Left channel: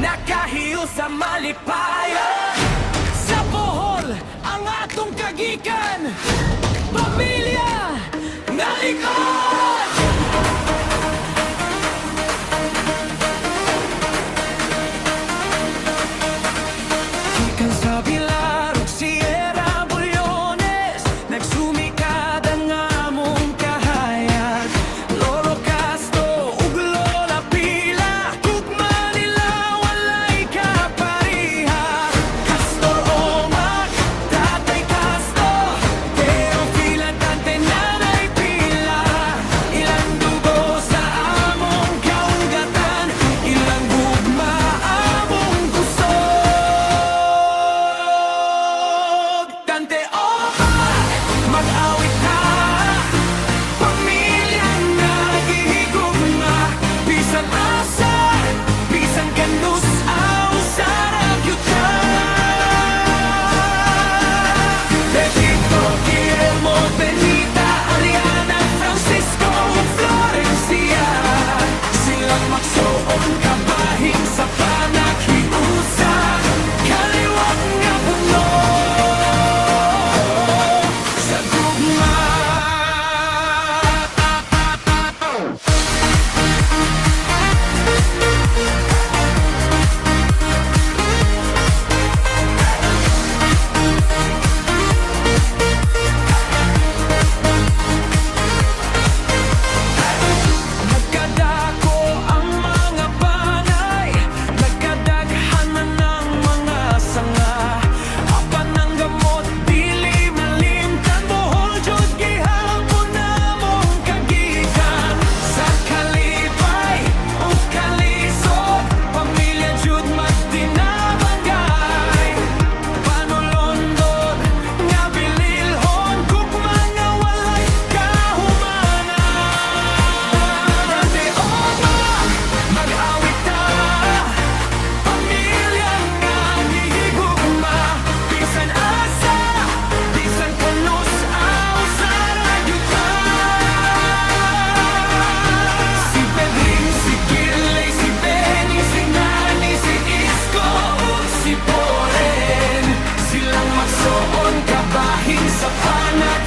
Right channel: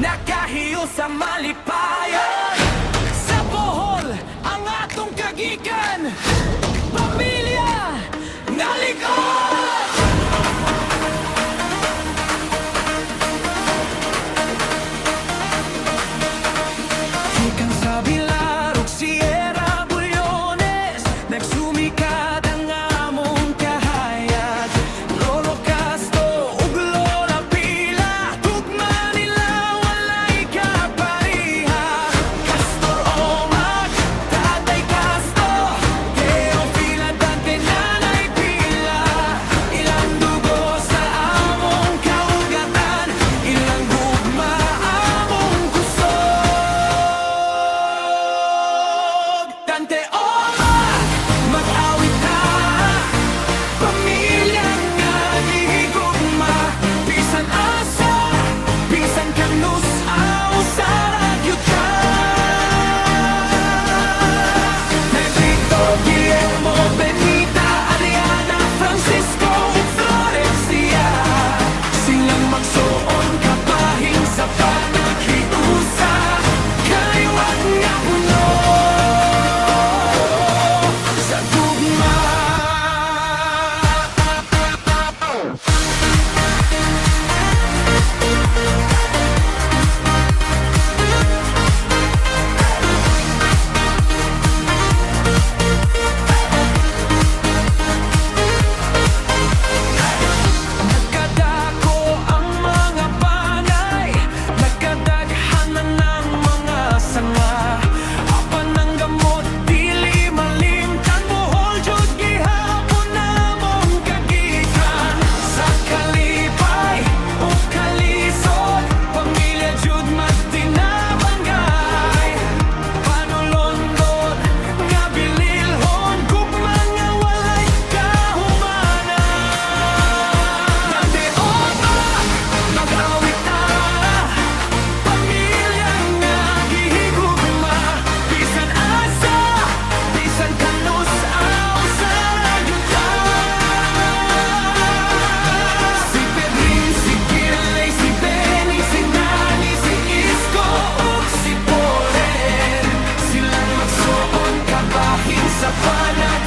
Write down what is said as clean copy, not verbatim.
nakahiyo sa malipayon. Sa Bohol, ang atong kagikan, pamilya nga likod. Gikan sa Bilar ug Sierra Bulyones, nagsumikad ang among kahayag. Lolo Castro ug Lola Pila, tugma nila walay kapariha. Castor Omac, Tatay Castro, Teofila Dante, Nanay Pila. Ilang dugo sa among kaugatan, ilang gugma among kusog. Dante Omac, mag-awit ta, pamilya nga gihigugma. Bisan asa, bisan kanus, ausarag yuta. Pedrito, Guillermo, Benita, Ariana, Francisco, Florencia. Silang magsuon kabahin sa panaghiusa, kaliwat nga puno sa gugma. Nagkadako ang mga panay, nagkadaghan na ng mga sanga. Apan ang gamot, dili malimtan. Bohol jud gihapon namong kagikan. Sa kalipay o kalisod, pamilya jud magtinabanggay. Panulondon nga bililhon, gugma nga walay kahumanan. Dante Omac, mag-awit ta, pamilya nga gihigugma. Bisan asa, bisan kanus, ausarag yuta. Si Pedring, si Gilay, si Bening, si Nani, si Isko ug si Boren. Silang magsuon kabahin sa panag